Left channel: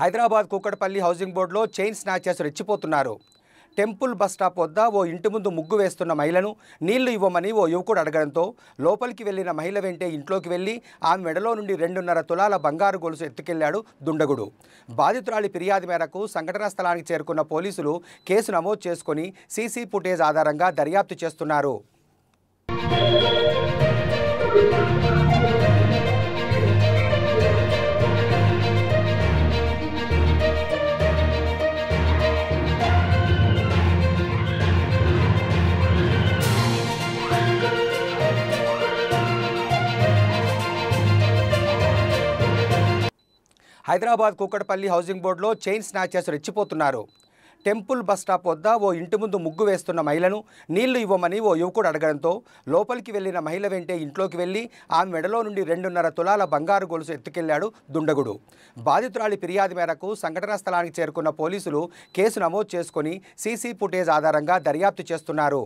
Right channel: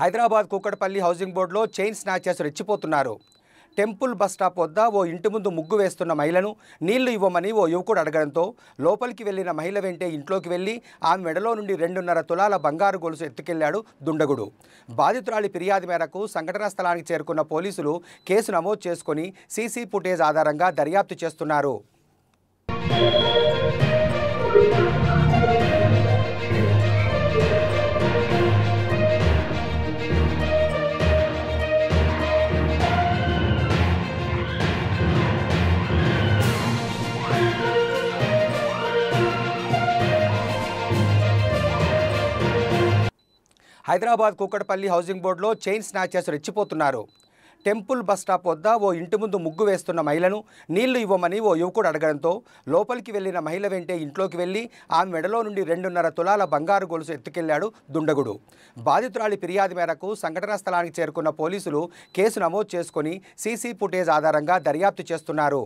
Hyderabad Kukatpally housing బోర్డులో chain snatchers రెచ్చిపోతున్నారు. Temple bus stop వద్ద ఓ ఇంటి ముందు ముగ్గు వేస్తున్న మహిళను నీళ్లు ఇవ్వమని ఓ యువకుడు అడగడంతో లోపలికి వెళ్లిన మహిళ వెంటే ఇంట్లోకి వెళ్లి ఆమె మెడలో నుండి 2.5 తులాల బంగారు గొలుసు ఎత్తుకెళ్లాడు దుండగుడు. బాధితురాలి ఫిర్యాదు మేరకు సంఘటనా స్థలానికి చేరుకున్న పోలీసులు కేసు నమోదు చేసుకుని సీసీ ఫుటేజ్ ఆధారంగా దర్యాప్తు చేస్తున్నారు. హైదరాబాద్ కూకట్పల్లి హౌసింగ్ బోర్డులో చైన్ స్నాచర్స్ రెచ్చిపోతున్నారు. టెంపుల్ బస్ స్టాప్ వద్ద ఓ ఇంటి ముందు ముగ్గు వేస్తున్న మహిళను నీళ్లు ఇవ్వమని ఓ యువకుడు అడగడంతో లోపలికి వెళ్లిన మహిళ వెంటే ఇంట్లోకి వెళ్లి ఆమె మెడలో నుండి 2.5 తులాల బంగారు గొలుసు ఎత్తుకెళ్లాడు దుండగుడు. బాధితురాలి ఫిర్యాదు మేరకు సంఘటనా స్థలానికి చేరుకున్న పోలీసులు కేసు నమోదు చేసుకుని సీసీ ఫుటేజ్ ఆధారంగా దర్యాప్తు చేస్తున్నారు.